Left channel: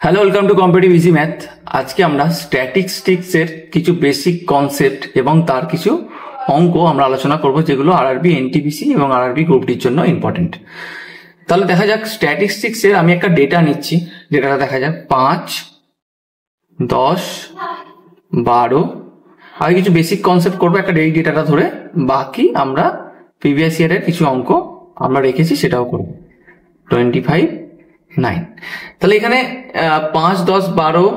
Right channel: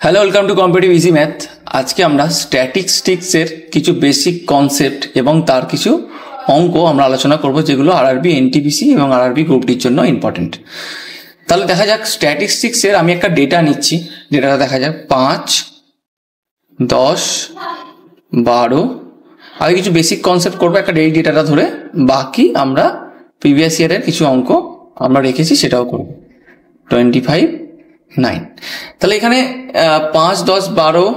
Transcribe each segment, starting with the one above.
Hello, welcome to competitive easy math. আজকে আমরা স্ট্যাটিস্টিক্সের কিছু বেসিক কনসেপ্ট এবং তার কিছু অঙ্ক আমরা আলোচনা করব, যেগুলো আরআরবি, এনটিপিসি এবং আরআরবি গ্রুপ ডির জন্য ইম্পর্টেন্ট। তাহলে দেখা যাক স্ট্যাটিস্টিক্সের আমি একটা ডেটা নিচ্ছি, ডেটাটা দেখা যাক 5, 10, 12। আগে কিছু বেসিক কনসেপ্ট করবো একটা ডেটাটা ধরে, বাকি আমরা প্রিভিয়াস ইয়ারের কিছু অঙ্ক আমরা রেখেছি সেটাও করব। 25, 9। তাহলে এখানে 5, 10, 12,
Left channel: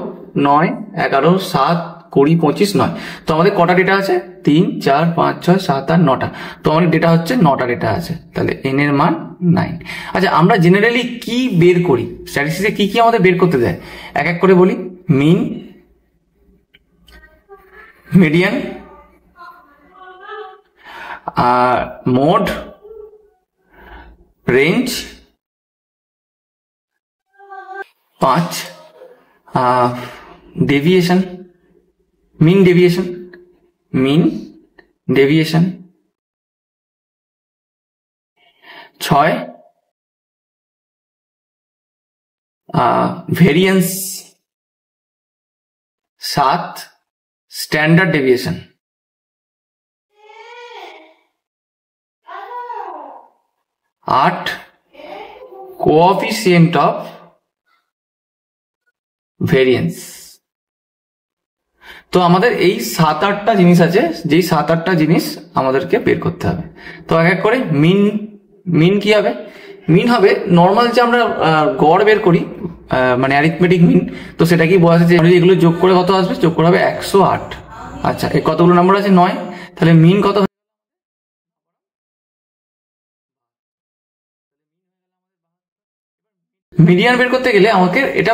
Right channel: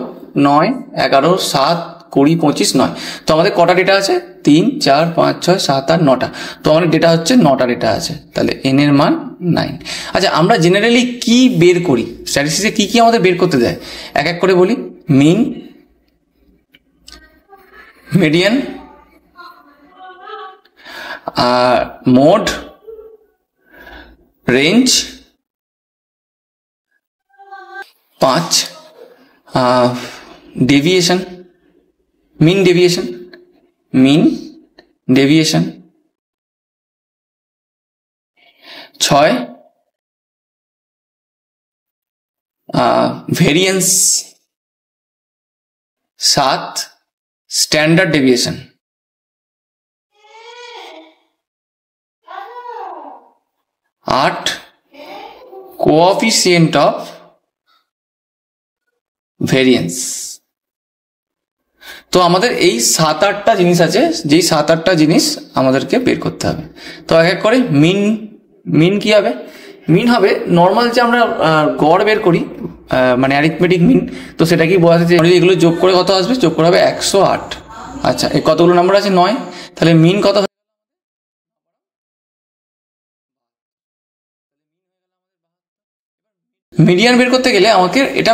9, 11, 7, 20, 25, 9। তো আমাদের কটা ডেটা আছে? 3, 4, 5, 6, 7, 8, 9টা। তো আমাদের ডেটা হচ্ছে 9টা ডেটা আছে। তাহলে এন এর মান 9। আচ্ছা, আমরা জেনারেলি কি বের করি? স্ট্যাটিস্টিক্সে কি কি আমাদের বের করতে দেয় এক এক করে বলি। Mean, median, mode, range, 5 deviation, mean deviation, 6 variance, 7 standard deviation, 8 coefficient of variance. তো আমাদের এই 7-8টা জিনিস আছে, যেই 7-8টা জিনিস আমাদেরকে বের করতে হবে। তো এক এক করে মিন কি হবে? মিন হবে নর্মাল যে আমরা গড় বের করি, মানে অ্যারিথমেটিক মিন। তো সেটা কি বোঝাচ্ছে যে এগুলো যোগ করে কত আসবে? যোগ করে হবে 108। আচ্ছা, এই কতগুলো নাম্বার আছে? 9। তাহলে মিন কত? মিডিয়ান বের করতে গেলে আমাকে এটা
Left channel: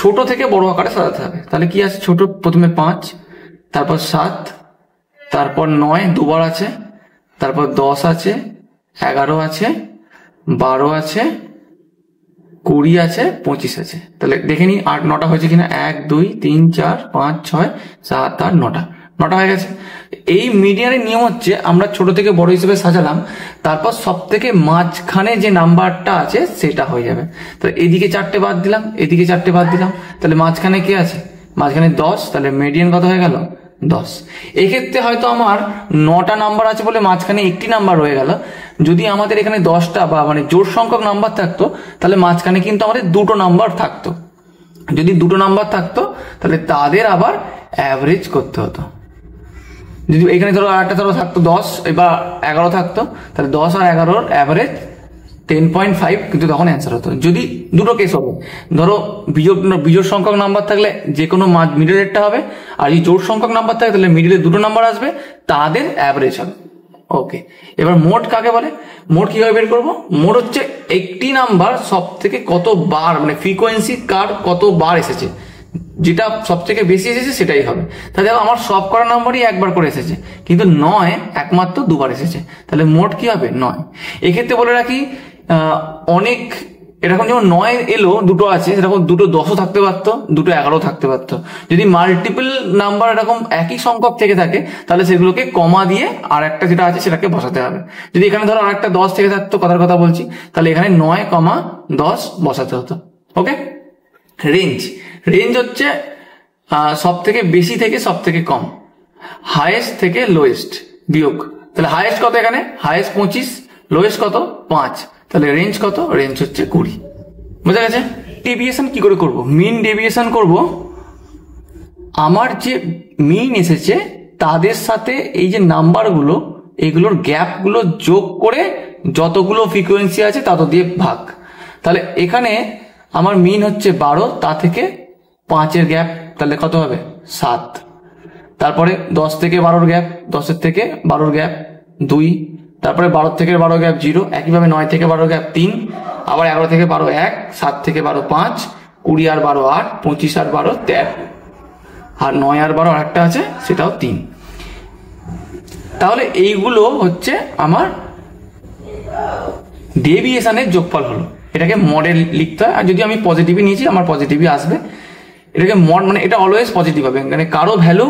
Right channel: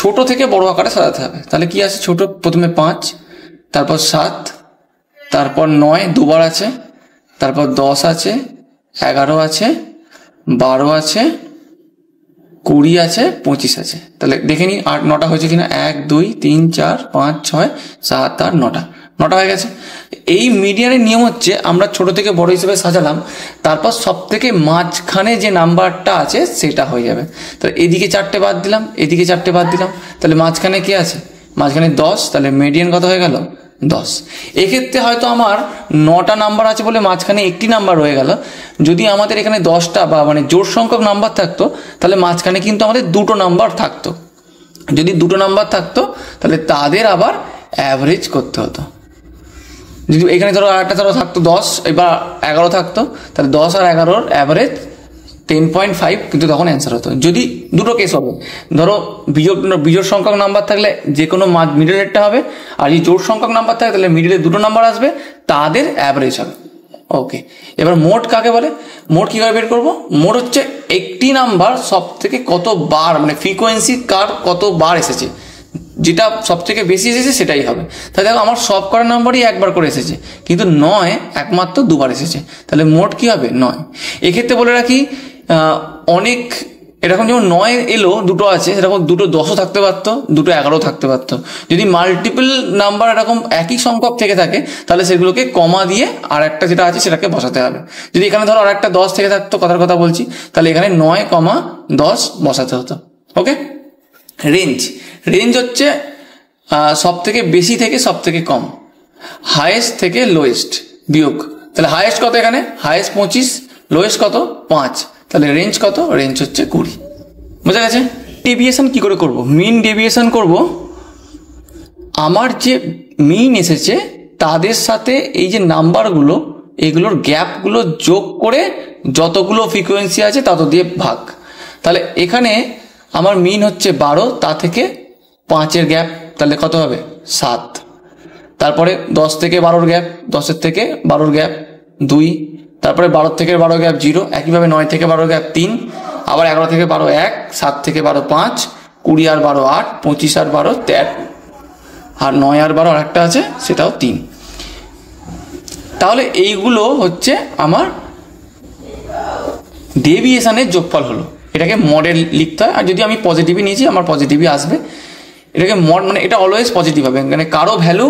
ছোট থেকে বড় আকারে সাজাতে হবে। তাহলে কি আছে? ছোট প্রথমে 5, তারপর 7, তারপর 9 দুবার আছে, তারপর 10 আছে, 11 আছে, 12 আছে, 20 আছে, 25 আছে। তাহলে দেখে নিই 8, 9টা হয়েছে কিনা। 1, 2, 3, 4, 5, 6, 7, 8, 9টা হয়ে গেছে। এই মিডিয়ানের নিয়ম হচ্ছে আমরা ছোট থেকে বড় হিসেবে সাজালাম, তারপর সব থেকে মাঝখানে যে নাম্বারটা আছে সেটা হয়ে যাবে। তো এদিকে 4টে বাদ দিলাম, এদিকে 4টে বাদ দিলাম, তাহলে মাঝখানে কি আছে? মাঝখানে 10। তাহলে মিডিয়ান কত হয়ে গেল? 10। এক্ষেত্রে হয়তো আমার 9টা নাম্বার আছে বলে মাঝখানে একটি নাম্বার রয়ে গেল। যদি আমাদের এখানে 10টা বা মানে জোড় সংখ্যক নাম্বার থাকতো, তাহলে মাঝখানে কিন্তু আমাদের 2টো নাম্বার থাকতো। যদি 2টো নাম্বার থাকতো তাহলে তাদের আবার অ্যাভারেজ করতে হতো। যদি এখানে ধরো আরেকটা ধরো থাকতো 10, এবার 11 থাকতো, তাহলে 10 আর 11-র অ্যাভারেজ 10.5, কিন্তু তখন অ্যান্সার হতো। যদি দুটো কেস হবে, ধরো বিজোড় সংখ্যক নাম্বার থাকলে যে কোনো মিডলেরটা হবে, আর যদি জোড় সংখ্যক নাম্বার থাকে তাহলে মিডলে 2টো নাম্বার আসবে, তাদের অ্যাভারেজ হবে। ওকে, এবার মোড কাকে বলে? মোড কিভাবে বের করবো? মোড হচ্ছে একটি নাম্বার সব থেকে কতবার, মানে ফ্রিকোয়েন্সি কার কতবার এসেছে, যেটা সব থেকে বেশি এসেছে সেটাই হবে। তাহলে আমার সব করা নাম্বারই একবার করে এসেছে, কিন্তু 9 একমাত্র দুবার এসেছে। তাহলে মোট কি হবে? 9। এক্ষেত্রে বলে রাখি, অনেক এরকম যেমন 9 এলো, 2টো আছে, সেরকম 2টো 10ও থাকতে পারতো, 2টো 11ও থাকতে পারতো। যদি মাল্টিপল নাম্বার এরকম একই সংখ্যক থেকে থাকে, তাহলে সেগুলোকে কমা দিয়ে আর একটা যেটা আছে সেটাকে বসাতে হবে। যদি এখানে ধরো আর একটা 10 থেকে থাকতো, কথার কথা বলছি, তাহলে এখানে 9, 10 বসাতে হতো। ওকে। রেঞ্জ হচ্ছে সব থেকে বেশি থেকে সব থেকে কম, হাইয়েস্ট থেকে লোয়েস্ট বিয়োগ। তাহলে হাইয়েস্ট কত? এখানে হাইয়েস্ট 25, লোয়েস্ট কত? 5। তাহলে রেঞ্জ কত? রেঞ্জ হচ্ছে 20। বোঝা গেছে? ডেভিয়েশন কি করে করব? মিন ডেভিয়েশন করব, আমার যে মিন এসেছে তাদের সাথে এই যে নাম্বারগুলো, এগুলোর গ্যাপগুলো যোগ করে যতগুলো ফ্রিকোয়েন্সি আছে তত দিয়ে ভাগ। তাহলে এখানে আমার মিন হচ্ছে 12, তা থেকে 5-এর গ্যাপ, তাহলে কত হবে? 7। তারপরে 10 থেকে 12-র গ্যাপ, 10-এর থেকে 12-র গ্যাপ 2, তারপরে 12 থেকে 12 গ্যাপ 0, একইভাবে 9 থেকে 12 গ্যাপ 3, আবার 11 থেকে 12 1, 7 থেকে 12 5, 20 আর 12 8, 25 আর 12 13, আর 9 আর 12 আরেকটা আছে সেটাও 3। তাহলে এইগুলো হচ্ছে আমার ডেভিয়েশনের যোগফল হলো। এটাকে মডেল লিখতে হয়, আর যদি আমি পজিটিভই নিয়েছি আমার পজিটিভই আসবে। এটাকে মড মানে এটা অলওয়েজ পজিটিভ হবে, মানে কারো ভ্যালু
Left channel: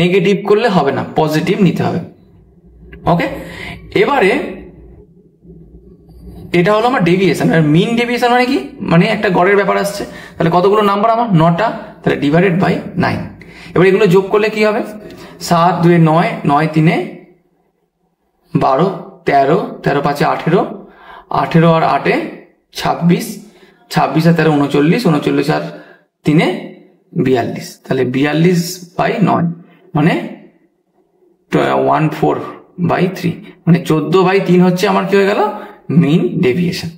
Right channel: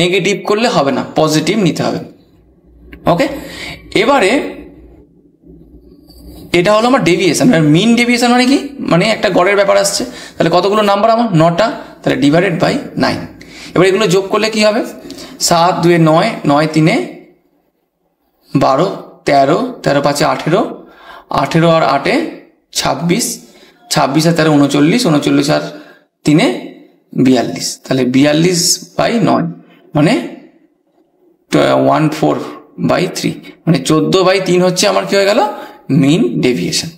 নেগেটিভ করলে হবে না, পজিটিভ নিতে হবে। ওকে, এবারে এটা হলো আমার ডেভিয়েশন। মিন ডেভিয়েশন মানে কি, মানে একটা গড়ের ব্যাপার আসছে। তাহলে কতগুলো নাম্বার আমার 9টা, তাহলে ডিভাইডেড বাই 9। এবার এগুলো যোগ করলে কি হবে, 7 2 9, 9 3 12, 13, 13 5 18, 18 আর 8 26, 26 আর 13 39, 39 আর 3 42, তাহলে 42 বাই 9 মানে 14/3, মানে 14/3 হচ্ছে আমার কি হয়ে গেল, মিন ডেভিয়েশন।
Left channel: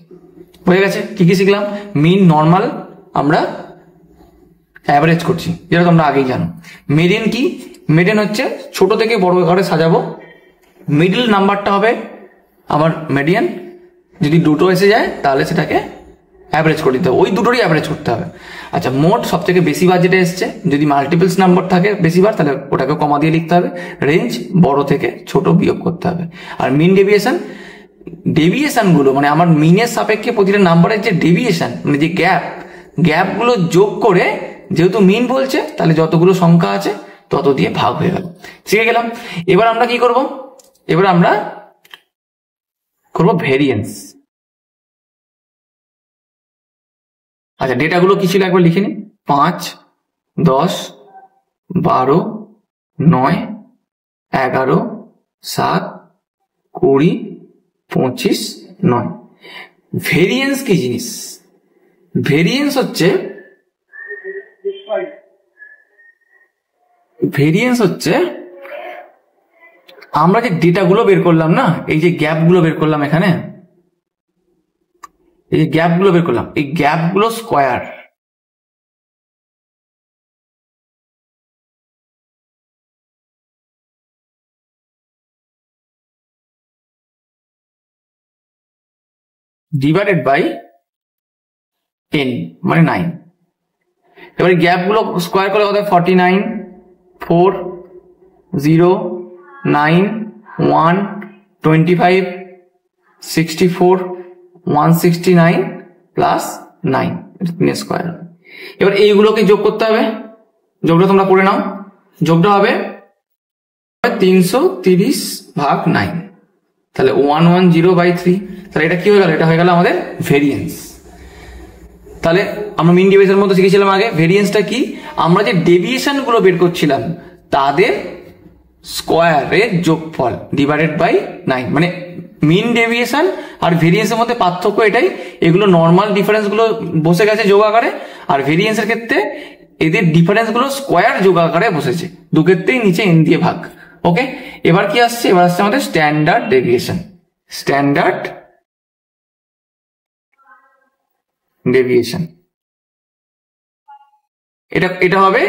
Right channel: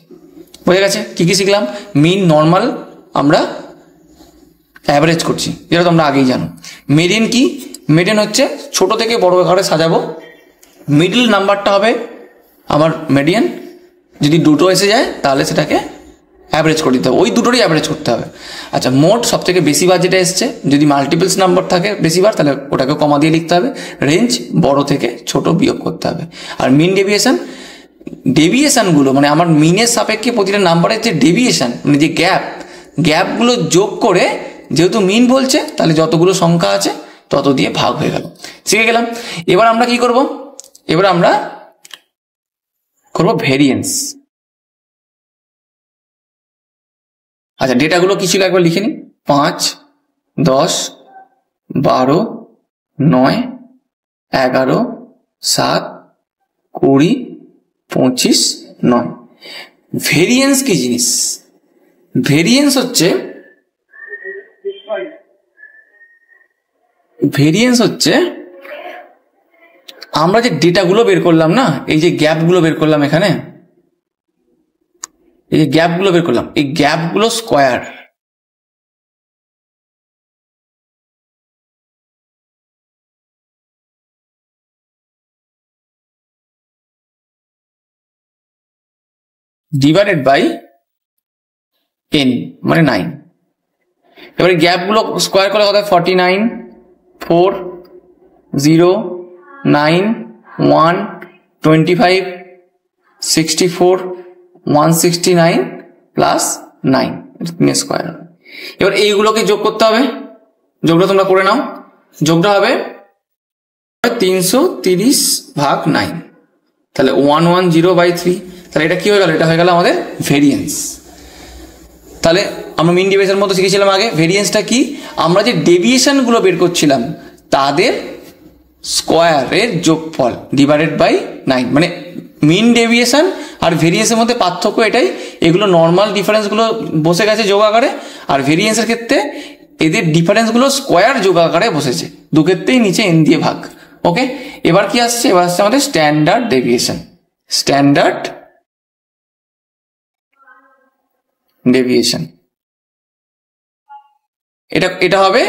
বুঝে গেছে? কি কি শিখলাম? মিন, নর্মাল, আমরা অ্যাভারেজ করছি, যেটা তোমরা আগেই জানো। মিডিয়ান কি? মিডিয়ান হচ্ছে ছোট থেকে বড় আকারে সাজাবো, মিডল নাম্বারটা হবে আমার মিডিয়ান। যদি দুটো এসে যায় তাহলে সেটাকে অ্যাভারেজ করে দিতে হবে, ওই দুটোরই অ্যাভারেজ করতে হবে। আচ্ছা, মোট সব থেকে বেশি বার যেটা এসছে, যদি মাল্টিপলস নাম্বার থাকে বেশিবার, তাহলে ওটাকে কমা দিয়ে লিখতে হবে। রেঞ্জ বড় থেকে ছোট বিয়োগ করতে হবে। আর মিন ডেভিয়েশন, ডেভিয়েশনগুলো মানে আমার মিনের সাপেক্ষে প্রতিটা নাম্বারের যে ডেভিয়েশন মানে যে গ্যাপগুলো যোগ করে, যেহেতু মিন বলছে তাহলে যতগুলো সংখ্যা আছে তত দিয়ে ভাগ হয়ে গেল। শিখে গেলাম। এবার আমরা কি করব, এবার আমরা করব ভেরিয়েন্স। আচ্ছা, ডেটাগুলো কি ছিল একবার লিখে নিই। 5 10 12 9 11 7 20 25 9। ভেরিয়েন্স কি জিনিস? ভেরিয়েন্স হচ্ছে আমরা যে ডেটাগুলো বের করলাম না, এই যে গ্যাপগুলো বের করলাম এখানে, এই যে গ্যাপগুলো বের করলাম, এই গ্যাপগুলো স্কোয়ার। ডিভাইডেড বাই n মানে 9। এবারে গ্যাপগুলো স্কোয়ার করে কথা 49 4 0 9 1 25 64 169 প্লাস 9 স্কোয়ার। এবার এইগুলোকে যোগ করতে হবে, যোগটা তোমরা করে নাও। যোগটা হবে 330/9, তাহলে 110/3। তাহলে এটা কি হয়ে গেল, এটা হয়ে গেল আমাদের ভেরিয়েন্স। তাহলে আমরা মিন ডেভিয়েশনের মধ্যে শিখেছিলাম আগে। ভেরিয়েন্সটা কি, আমরা যে ডেভিয়েশনগুলো বের করছিলাম তাদের স্কোয়ারের যোগফল ডিভাইডেড বাই 9। মানে মিন ডেভিয়েশন আর ভেরিয়েন্সের মধ্যে পার্থক্য এটাই, এগুলো নর্মাল ডিফারেন্সগুলো বসে গেছে যোগ আকারে, আর ভেরিয়েন্সের ক্ষেত্রে এদের ডিফারেন্সগুলো স্কোয়ার যোগ আকারে বসেছে। দু ক্ষেত্রেই নিচে n দিয়ে ভাগ। ওকে, এবার কি আসছে, এবার আসছে আমাদের স্ট্যান্ডার্ড ডেভিয়েশন। স্ট্যান্ডার্ড ডেভিয়েশন এটা হবে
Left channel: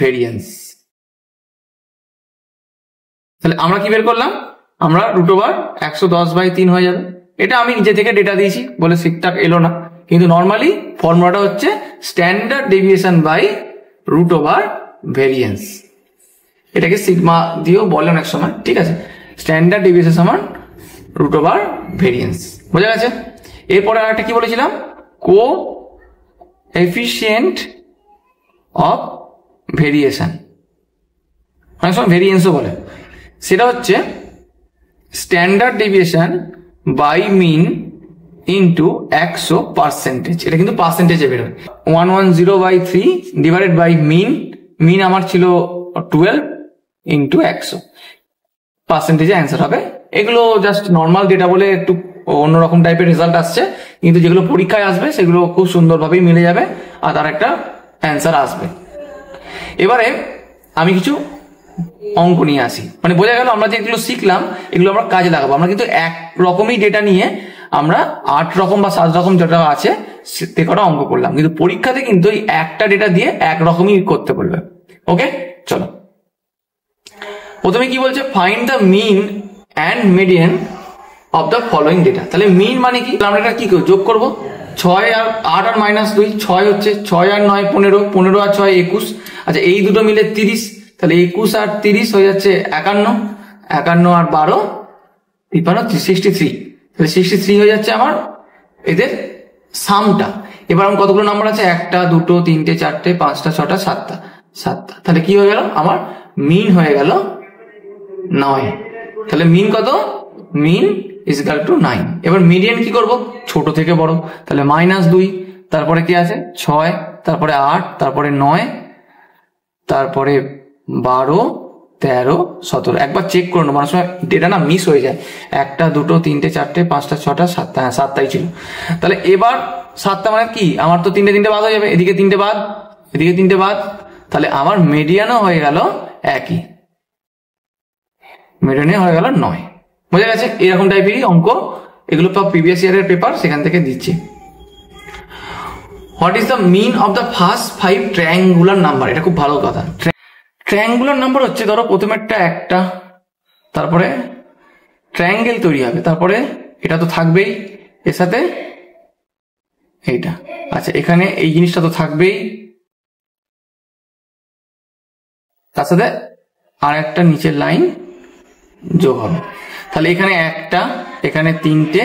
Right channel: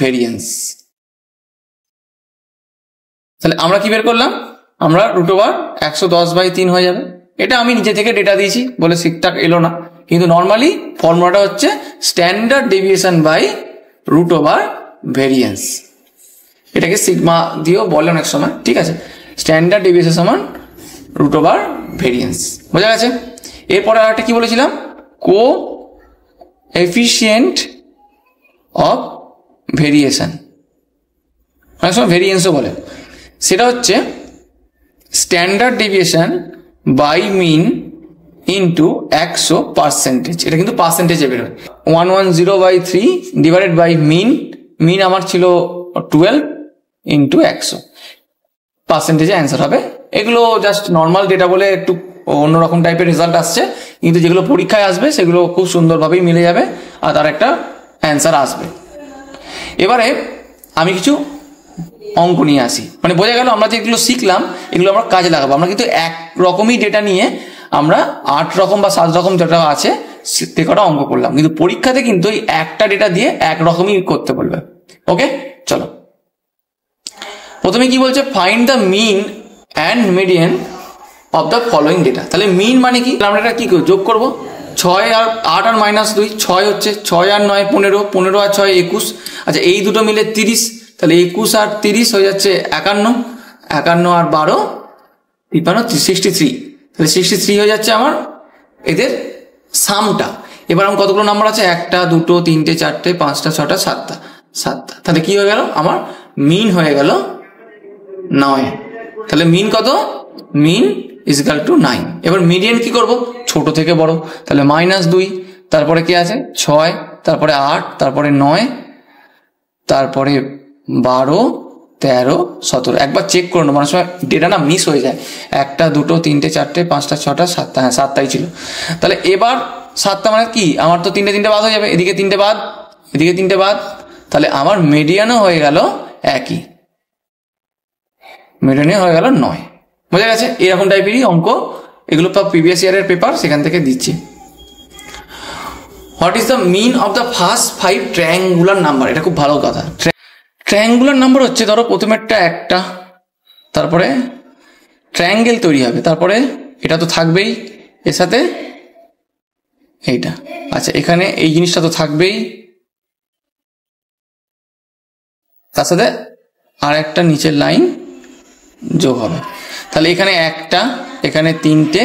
√ভেরিয়েন্স। তাহলে আমরা কি বের করলাম, আমরা √110/3 হয়ে যাবে। এটা আমি নিজে থেকে ডেটা দিয়েছি বলে ঠিকঠাক এলো না, কিন্তু নর্মালি ফর্মুলাটা হচ্ছে স্ট্যান্ডার্ড ডেভিয়েশন বাই √ভেরিয়েন্স। এটাকে সিগমা দিয়েও বলে অনেক সময়, ঠিক আছে। স্ট্যান্ডার্ড ডেভিয়েশন সমান √ভেরিয়েন্স। বোঝা গেছে? এরপরে আরেকটা কি বলেছিলাম, কোএফিসিয়েন্ট অফ ভেরিয়েশন, অনেক সময় ভেরিয়েন্সও বলে। সেটা হচ্ছে standard deviation by mean into 100%। এটা কিন্তু পার্সেন্টেজে বেরোয়। 110/3 ডিভাইডেড বাই মিন আমার ছিল 12 ইন্টু 100, পার্সেন্টেজে অ্যান্সার হবে। এগুলো জাস্ট নর্মাল ডেটা বলে একটু অন্যরকম টাইপের রেজাল্ট আসছে, কিন্তু যেগুলো পরীক্ষায় আসবে সেগুলো খুব সুন্দরভাবেই মিলে যাবে আর তার একটা অ্যান্সার আসবে। এবারে আমি কিছু অঙ্ক নিয়ে আসি, মানে বোঝা গেল আমরা যেগুলো শিখলাম এগুলো আমরা কাজে লাগাবো। আমরা কিন্তু এক রকমই ডেটা নিয়ে আমরা 8 রকম বা 7 রকম যেটা আছে সে কটা অঙ্ক করলাম, কিন্তু পরীক্ষাতে কিন্তু এই একটা ডেটা দিয়ে একরকমই করতে বলবে। ওকে, চলো প্রথমে কি বলছে, find the mean and median of the following data. তাহলে মিন মানে কি, আমরা এটা কি যোগ করবো, 6 আর 8 আর -2, 6 হচ্ছে 6 আর 9 15, 15 আর 6 21। আচ্ছা, এই দুটো মিলে 30, তাহলে 21 আর 30 হয়ে যাচ্ছে 51, 51 আর 12 53, 63। তাহলে 63 হয়ে যাচ্ছে আমার এদের সামটা। এবার আমার কতগুলো নাম্বার আছে, 1 2 3 4 5 6 7টা। তাহলে কি হয়ে গেল, আমার মিন হয়ে গেল 9। তাহলে মিন কত, মিন ইজিক্যাল টু 9। এবার মিডিয়ান কি করব, ছোট থেকে বড়, তাহলে -2, তারপরে কি আছে 6, তারপরে 8, তারপরে 9, তারপরে 12, 13, 17। একবার চেক করে নেবো, অনেক সময় ডেটা না মিস হয়ে যায়, 1, 2, 3, 4, 5, 6, 7, হ্যাঁ 7টাই ছিল। তাহলে এবার 7টা মানে কি, আমার তো 3টে বাদ হয়ে যাবে, এদিকে 3টে বাদ, এদিকে 3টে বাদ, তাহলে আমার মিডিয়ানও হয়ে গেল একই, মিডিয়ানে হয়ে গেল 9। বোঝা গেছে? এরকম টাইপেরই অঙ্ক, এগুলো প্রিভিয়াস ইয়ারের পেপার, সেখান থেকে দিচ্ছি। What is the mean of the first 5 triangular number? এটা খুব ভালো কথা। ট্রায়াঙ্গুলার নাম্বার হচ্ছে, ধরো প্রথমেরটা 1টা, তারপরে ট্রায়াঙ্গেল তৈরি হবে, তারপরে এটা তো থাকবেই এর সাথে এইটা, আচ্ছা এখানে এই জিনিসটা তো থাকবেই, তার সাথে আর একটা নিচের লাইন যোগ হবে, তাহলে এখানে 1টা, এখানে 3টে,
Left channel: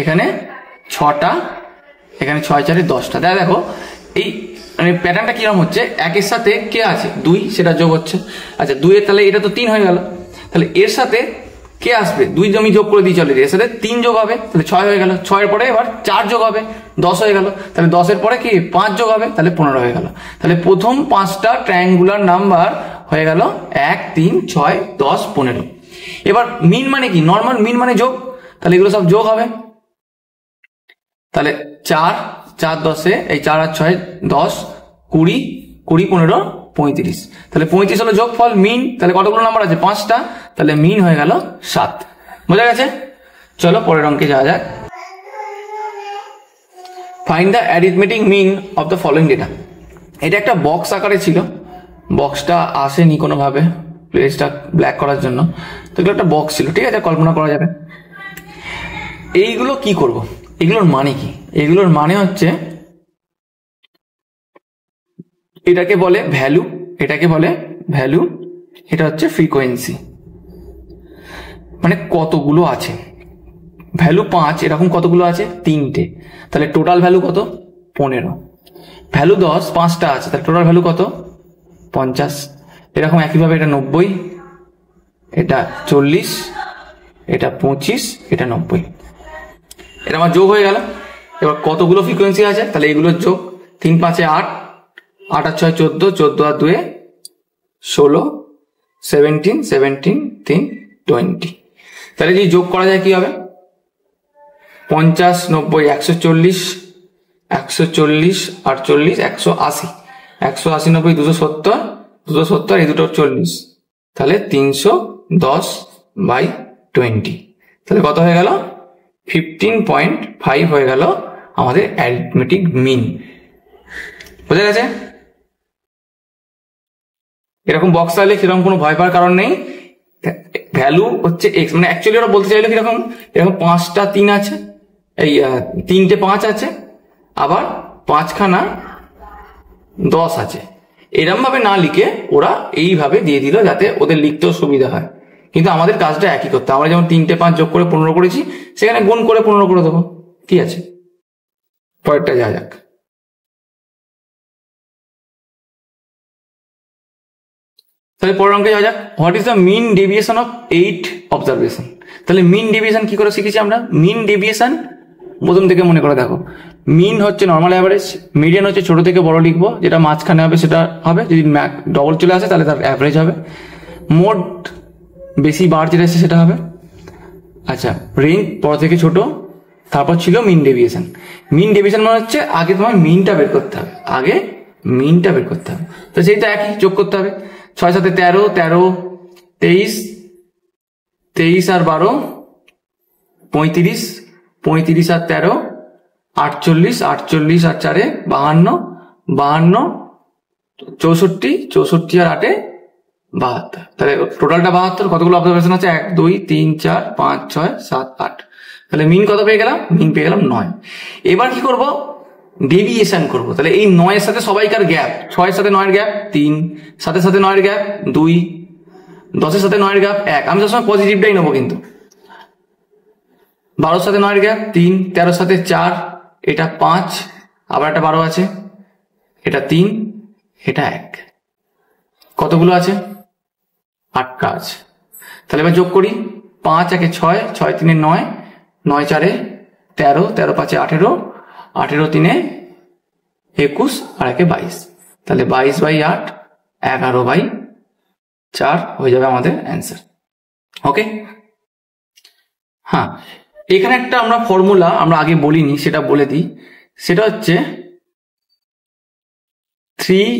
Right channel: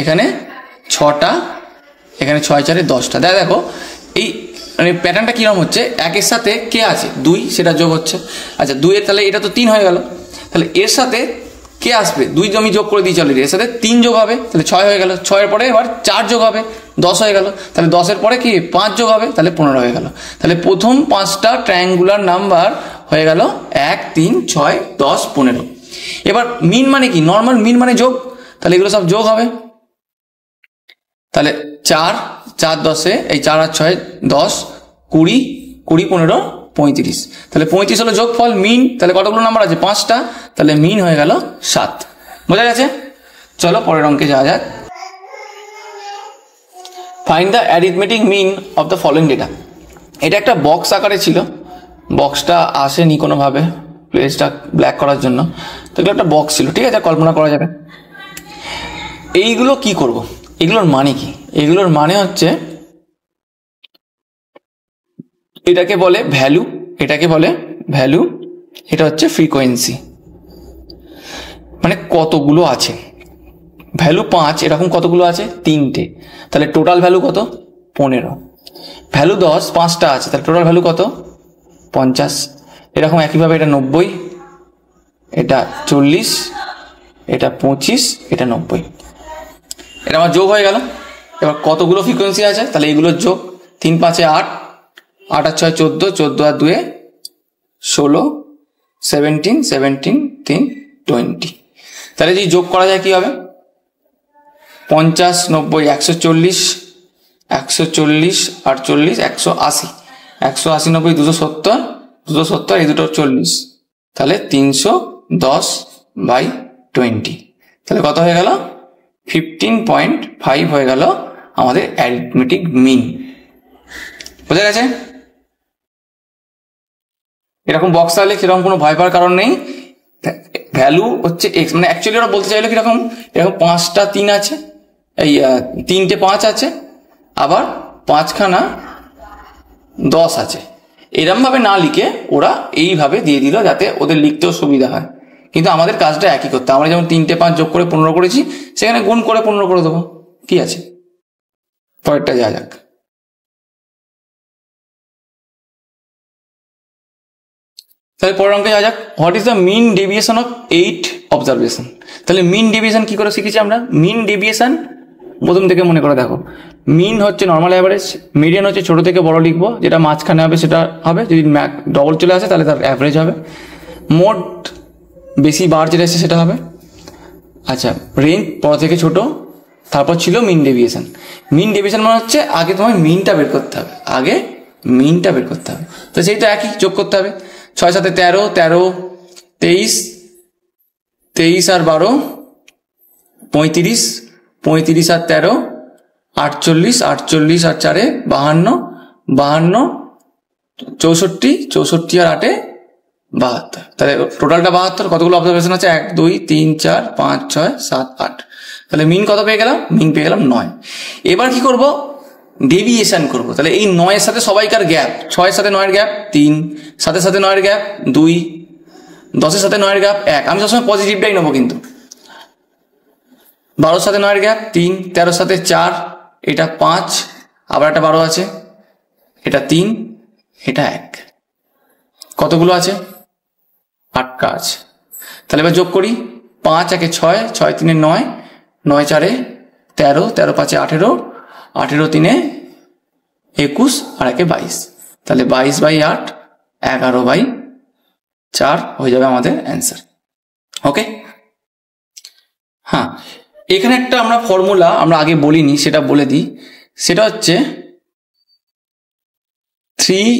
এখানে 6টা, এখানে 6, 4, 10টা। দেখো এই মানে প্যাটার্নটা কিরকম হচ্ছে, 1-এর সাথে কে আছে 2, সেটা যোগ হচ্ছে, আচ্ছা 2-এর, তাহলে এটা তো 3 হয়ে গেল, তাহলে এর সাথে কে আসবে, 2 আমি যোগ করে দিই, চলে এর সাথে 3 যোগ হবে, তাহলে 6 হয়ে গেল, 6-এর পরে এবার 4 যোগ হবে, 10 হয়ে গেল, তাহলে 10-এর পরে কি 5 যোগ হবে, তাহলে 15 হয়ে গেল। তাহলে প্রথম 5টা ট্রায়াঙ্গুলার নাম্বার হয়ে গেল 1, 3, 6, 10, 15। এবার মিন মানে কি, নর্মাল মিন মানে যোগ, তাহলে এগুলো সব যোগ হবে, তাহলে 4, 4, 10-এ, এই 4 আর 6, 10, 20, 20, 15, 35, তাহলে 35 হলো যোগফল মিন, তাহলে কতগুলো নাম্বার আছে 5টা, তাহলে মিন হয়ে গেল 7। বোঝা গেছে? চলো পরের অঙ্কে যাওয়া যাক। Find the arithmetic mean of the following data. এটা একটা বক্স আকারে ছিল, বক্সটা আসেনি কোনোভাবে প্লেসটা ব্ল্যাক করার জন্য, তো এগুলো একটা বক্স ছিল, ঠিক আছে, কল্পনা করা যাবে। এইগুলো কি করব, এগুলোর মানে কি, এগুলোর মানে হচ্ছে এটাকে বলে ভ্যালু, এটাকে বলে ভ্যালু, এটা হচ্ছে ফ্রিকোয়েন্সি, মানে কতগুলো আছে, ভ্যালু 5, এরকম কতগুলো আছে 3টে, তাহলে টোটাল ভ্যালু কত 15, ভ্যালু 10, 5টা আছে, তাহলে টোটাল ভ্যালু কত 50, এরকম একইভাবে এটা 90, এটা 40, এটা 25, এটা 90, এটা আমার যোগ হয়ে গেল। এবার কতগুলো ফ্রিকোয়েন্সি আছে, তাহলে এগুলোর যোগ, 3, 5, 8, 8 আর 6, 14, 14 আর 2, 16, 17, 17, 3, 20, তাহলে যদি যোগ করা যায় কি হবে, 50, 90, 140, 140, 48, 180, 180, 90, 270, 270, এই দুটো 40, তাহলে 310/20, তাহলে কত হয়ে গেল 15.5 হয়ে গেল আমাদের অ্যারিথমেটিক মিন। বোঝা গেছে? এরকম বক্স থাকলে সেরকম কোনো ভয় পাওয়ার কারণ নেই, ভ্যালু হচ্ছে এক্স, মানে অ্যাকচুয়ালি ওরা বলতে চাইলো কিরকম, এরকম 5টা 3 আছে, এই 3টে 5 আছে, আবার 5খানা 10 আছে, এরকম ভাবে না লিখে ওরা এইভাবে দিয়ে দিল যাতে ওদের লিখতেও সুবিধা হয়, কিন্তু আমাদের কাজটা একই করতে, আমরা যেমন 3টে 5 যোগ করে 15 করেছি, সেখানে গুণ করে 15 করে দেবো, কি আছে। পরেরটা যা যাক, তাহলে পরের অঙ্কে যা যাক। What is the mean deviation of 8 observation? তাহলে মিন ডেভিয়েশন কি করে শিখেছি আমরা, মিন ডেভিয়েশন প্রথম থেকে মনে করে দেখো, মিন হচ্ছে নর্মাল অ্যাভারেজ, মিডিয়ান হচ্ছে ছোট থেকে বড় লিখবো, যেটা মাঝখানে হবে সেটা হবে, যদি ডবল চলে আসে তাহলে তার অ্যাভারেজ হবে, মোট বেশি বার যেটা এসে সেটা হবে, আচ্ছা রেঞ্জ বড় থেকে ছোট, তারপর ছিল মিন ডেভিয়েশন। মিন ডেভিয়েশন মানে হচ্ছে আগে তোমায় মিনটা বের করতে হবে, আগে মিনটা বের করতে হবে, তো সেই তো একই যোগ করতে হবে, 6, 7, 13, 13, 23, 23 আর 12, 35, 35 আর 13, 48, 48 আর 4, 52, 52, 64, 64 আর 8, 72, তাহলে টোটালটা 72। কতগুলো অবজারভেশন আছে, 1, 2, 3, 4, 5, 6, 7, 8, তাহলে মিন কত পেয়ে গেলাম, মিন পেয়ে গেলাম 9। এবার কি করব, ডেভিয়েশন করব, তাহলে এই 9-এর সাথে সবাইকার গ্যাপ, 6-এর সাথে 9-এর গ্যাপ 3, 7-এর সাথে 9-এর গ্যাপ 2, 10-এর সাথে 9-এর গ্যাপ 1, আমি সবসময় পজিটিভটাই নেবো কিন্তু, 12-এর সাথে 9-এর গ্যাপ 3, 13-এর সাথে 4, এটা 5, আবার একটা 12 আছে, এটা 3, এটা 1, কতগুলো আছে 8টা আছে। তাহলে এবার যোগ করি, 5 1 6, 6 3 9, 9 4 13, 13 5 18, 18 3 21 আর 1 22, তাহলে 22/8 11/4 হয়ে যাবে আমাদের অ্যান্সার। ওকে, হ্যাঁ এখানে একটা আমরা ফর্মুলা আমরা আগে বলিনি, সেটা বলে দিই। সেটা হচ্ছে 3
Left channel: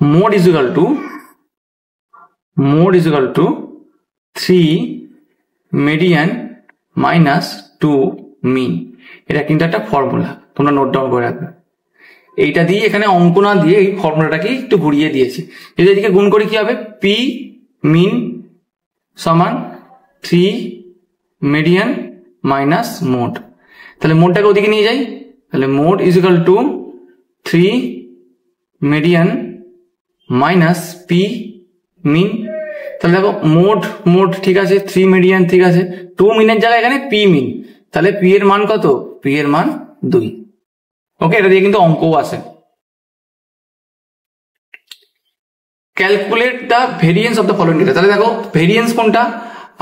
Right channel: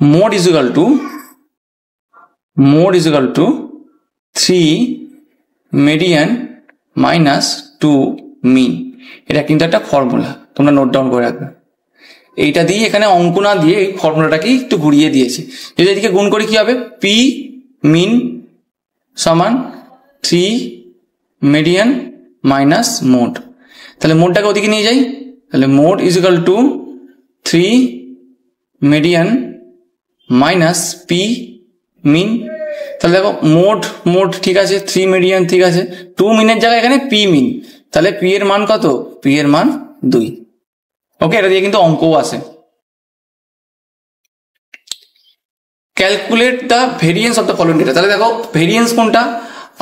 mod is equal to 3 median minus 2 mean। এটা কিন্তু একটা ফর্মুলা, তোমরা নোট ডাউন করে রাখবে। এইটা দিয়ে এখানে অঙ্ক না দিয়ে এই ফর্মুলাটাকে একটু ঘুরিয়ে দিয়েছে। যদি এদিকে গুণ করি কি হবে, পি মিন সমান 3 মিডিয়ান মাইনাস মোড। তাহলে মোডটাকে ওদিকে নিয়ে যাই, তাহলে mode is equal to 3 median minus P mean. তাহলে দেখো মোড ঠিক আছে, 3 মিডিয়ান ঠিক আছে, 2 মিনের জায়গায় এখানে পি মিন, তাহলে পি এর মান কত, পি এর মান 2। ওকে, এটা দিয়ে কিন্তু অঙ্কও আসে। Calculate the variance of the following data. তাহলে দেখো ভেরিয়েন্স কোনটা,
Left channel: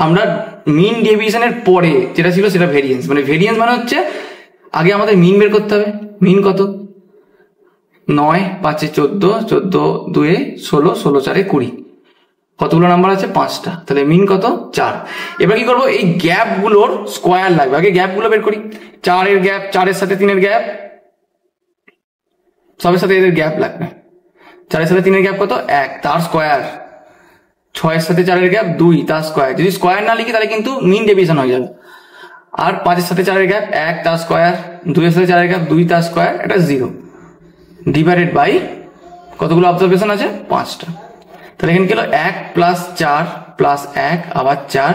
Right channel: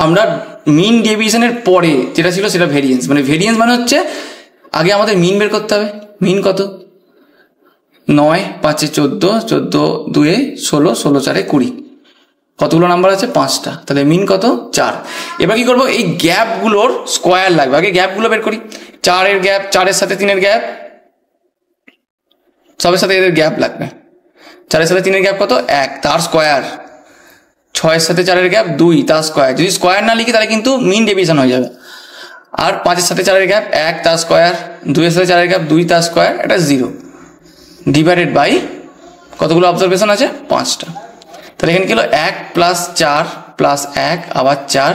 আমরা মিন ডেভিয়েশনের পরে যেটা ছিল সেটা ভেরিয়েন্স। মানে ভেরিয়েন্স মানে হচ্ছে আগে আমাদের মিন বের করতে হবে। মিন কত, 9 5 14, 14 2 16, 16 4 20, কতগুলো নাম্বার আছে, 5টা, তাহলে মিন কত 4। এবার কি করবো, এই গ্যাপগুলোর স্কোয়ার লাগবে, আগে গ্যাপগুলো বের করি। 4 এর গ্যাপ, 4 এর সাথে 3 এর গ্যাপ, সবের সাথে এদের গ্যাপ লাগবে। 4 এর সাথে 3 এর গ্যাপ কত, 1, তার স্কোয়ার। 6 এর সাথে 4 এর গ্যাপ 2, তার স্কোয়ার। যদি স্কোয়ার না লিখি তাহলে কিন্তু মিন ডেভিয়েশন হয়ে যাবে। আর 5 এর সাথে 4 এর গ্যাপ 1, তার স্কোয়ার। 2 এর সাথে 4 এর গ্যাপ 2, তার স্কোয়ার, এটা 0 ডিভাইডেড বাই কতগুলো অবজারভেশন আছে, 5টা। তাহলে এখানে কি হলো, 1 প্লাস 4 প্লাস 1 আবার 4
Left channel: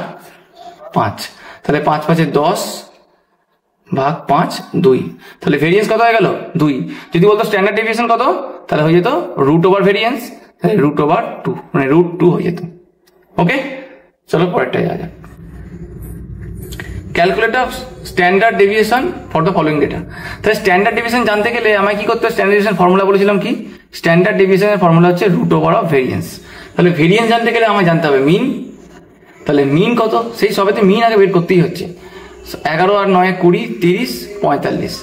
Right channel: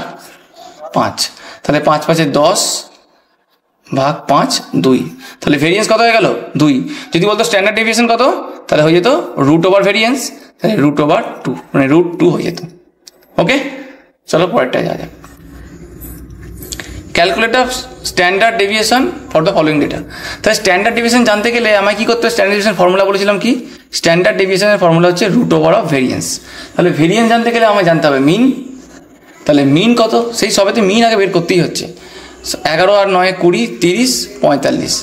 5, তাহলে 5 5 10 ভাগ 5 2, তাহলে ভেরিয়েন্স কত হয়ে গেল 2। যদি বলতো স্ট্যান্ডার্ড ডেভিয়েশন কত, তাহলে হয়ে যেত রুট ওভার ভেরিয়েন্স, তাহলে রুট ওভার 2, মানে রুট 2 হয়ে যেত। ওকে, চলো পরেরটায় যাওয়া যাক। Calculate standard deviation for the following data. তাহলে স্ট্যান্ডার্ড ডেভিয়েশন জানতে গেলে আমায় কি করতে হবে, স্ট্যান্ডার্ড ডেভিয়েশন ফর্মুলা বলেছিলাম কি, স্ট্যান্ডার্ড ডেভিয়েশনের ফর্মুলা হচ্ছে রুট ওভার অফ ভেরিয়েন্স। তাহলে ভেরিয়েন্স জানতে গেলে আমায় জানতে হবে মিন। তাহলে মিন কত, সেই সবেতে মিন আগে বের করতেই হচ্ছে। 11 আর 9 20 30 45,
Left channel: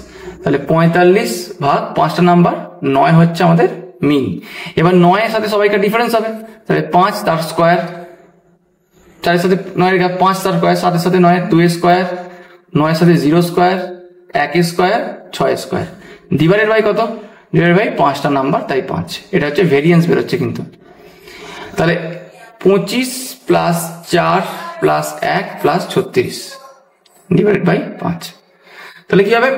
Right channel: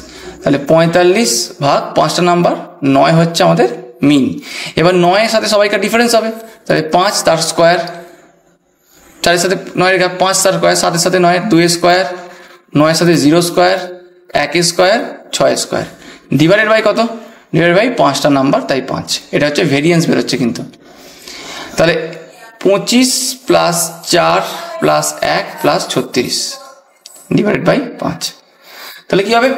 তাহলে 45 ভাগ 5টা নাম্বার, 9 হচ্ছে আমাদের মিন। এবার 9 এর সাথে সবাইকে ডিফারেন্স হবে, তাহলে 5 তার স্কোয়ার, 4 এর সাথে 9 এর গ্যাপ 5 তার স্কোয়ার, 7 এর সাথে 9 2 এর স্কোয়ার, 9 এর সাথে 0 স্কোয়ার, 1 এর স্কোয়ার, 6 এর স্কোয়ার, ডিভাইডেড বাই কত, ডিভাইডেড বাই 5টা নাম্বার, তাই 5। এটা হচ্ছে ভেরিয়েন্স বেরোচ্ছে কিন্তু। তাহলে 25 plus 4 plus 1 plus 36 divided by 5, তাহলে কি হবে,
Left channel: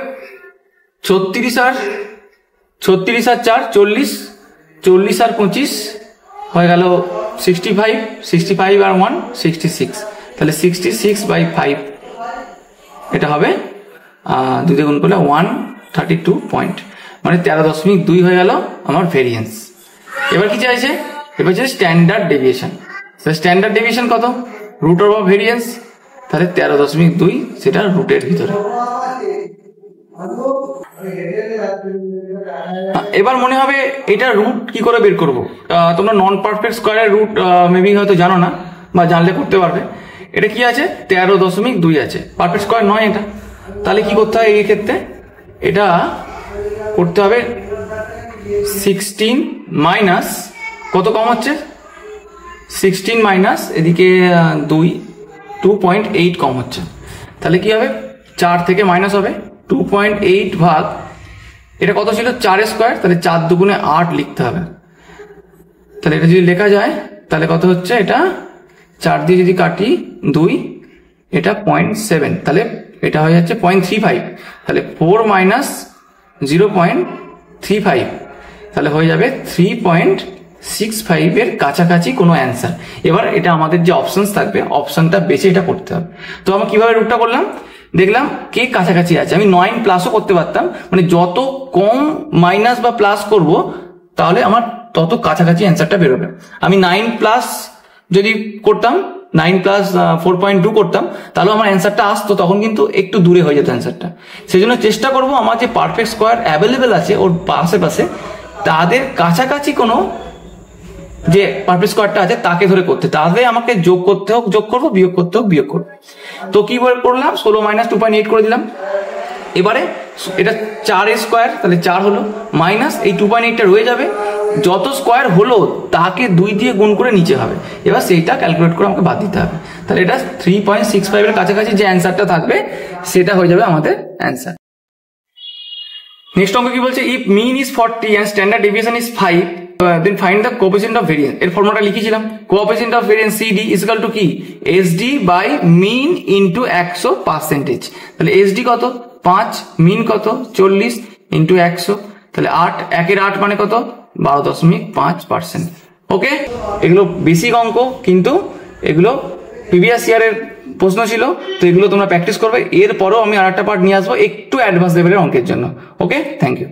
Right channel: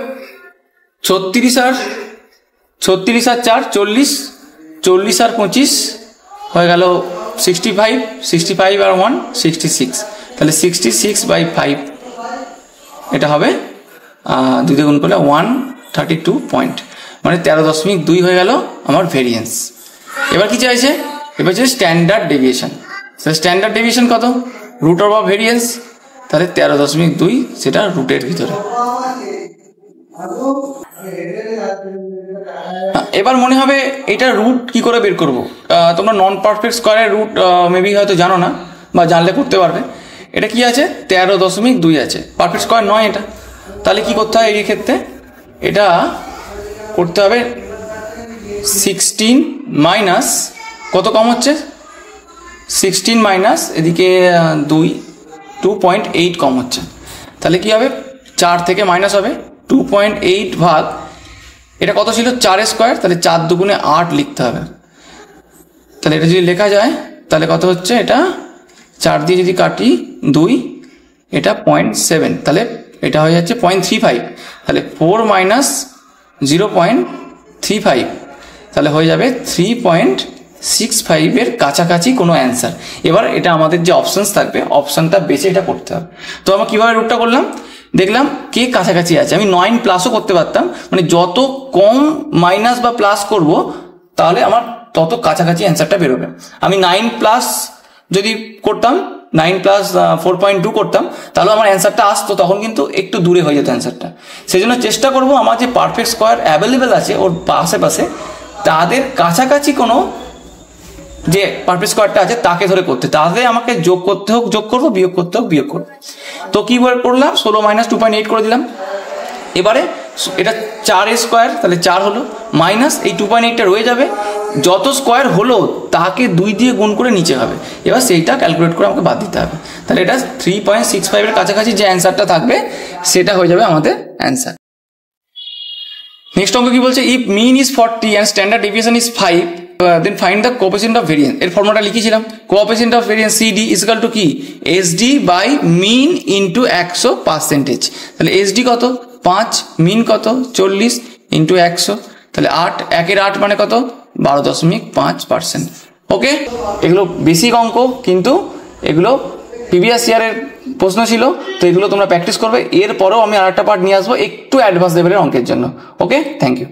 36 আর 4 40, 40 আর 25 হয়ে গেল 65, 65 আর 1 66, তাহলে 66/5, এটা হবে 2 দিয়ে গুণ করলে 132 পয়েন্ট, মানে 13.2 হয়ে গেল আমার ভেরিয়েন্স। এবার কি চাইছে, এবার হচ্ছে স্ট্যান্ডার্ড ডেভিয়েশন। স্ট্যান্ডার্ড ডেভিয়েশন কত, রুট ওভার ভেরিয়েন্স, তাহলে 13.2 সেটা রুটের ভিতরে। এবার মনে হবে এটা রুট কি করে বের করব, তোমরা নন পারফেক্ট স্কোয়ারের রুট মেবি হয়তো জানো না, বা জানলে করতে পারবে। এটা কি আছে, 13.2 আছে, পারফেক্ট স্কোয়ার নয় এটা। তাহলে কি করতে হয় এই ক্ষেত্রে, এটা করতে হবে 16 মাইনাস কত কম হচ্ছে, 16 মাইনাস এদিকে 2.8 কম হচ্ছে। তাহলে কি হবে, 4 থেকে মাইনাস হবে 2.8 ভাগ, এটা কত ছিল 4 স্কোয়ার, তাহলে 4 দুগুণে 8 লিখতে হবে। তাহলে এটা যদি লেখা যায় তাহলে কত হচ্ছে, এটা 4 দিয়ে যদি কাটি 2, এটা 0.7, তাহলে এটা হয়ে যাচ্ছে 0.35, তাহলে 4 মাইনাস 0.35, তাহলে হয়ে যাবে 3.65 এর কাছাকাছি কোনো অ্যান্সার। এবার এটা আমাদের যে অপশনস থাকবে, অপশনটা বেছে এটা করতে হবে। তো আমরা কিভাবে রুটটা করলাম, দেখলাম কে কাছাকাছি আছে। আমি 9 প্লাসও করতে পারতাম, মানে যত কম মাইনাস বা প্লাস করব তাহলে আমার তত কাছাকাছি অ্যান্সারটা বেরোবে। আমি 9 প্লাস যদি করতাম, 9 প্লাস 4.2 করতাম, তাহলে আমার অ্যান্সারটা আসতো, তখন কিন্তু একটু দূরে হয়ে যেত অ্যান্সারটা। সেই জন্য চেষ্টা করবো আমার যে পারফেক্ট স্কোয়ার অ্যাভেলেবেল আছে ওর আশেপাশে, তাদের কাছাকাছি কোনো যে পারফেক্ট স্কোয়ারটা আছে তাকে ধরে করতে, তাহলে আমাকে যোগ করতে হোক যোগ করবো, বিয়োগ করতে হোক বিয়োগ করবো। তো কি করলাম, 16 মাইনাস 2.8 করে দিলাম। এবারে এটা 4 স্কোয়ার, তাহলে 4 হলো, মাইনাস এই 2.8টা রয়ে যাবে, যত স্কোয়ার হলো তাকে 2 দিয়ে গুণ করে নিচে হবে। এবার সেইটা ক্যালকুলেট করে আমাকে বাদ দিতে হবে। তাহলে এটা 3.65 এর কাছাকাছি যে অ্যান্সারটা থাকবে সেটা হয়ে যাবে আমাদের অ্যান্সার। নেক্সট অঙ্ক কি বলছে, if mean is 40 and standard deviation is 5 then find the coefficient of variance. এর ফর্মুলাটা লিখেছিলাম, coefficient of variance CD is equal to কি, SD বাই মিন ইন্টু 100%। তাহলে SD কত 5, মিন কত 40 ইন্টু 100, তাহলে 8, 1 এর 8 মানে কত 12.5%। ওকে, এগুলো বেসিক অঙ্ক, কিন্তু এগুলো প্রিভিয়াস ইয়ারের প্রশ্ন ছিল, তো এগুলো তোমরা প্র্যাকটিস করবে। এরপরেও আমি আরেকটা পার্ট নিয়ে আসবো একটু অ্যাডভান্স লেভেলের অঙ্কের জন্য। ওকে, থ্যাংক ইউ।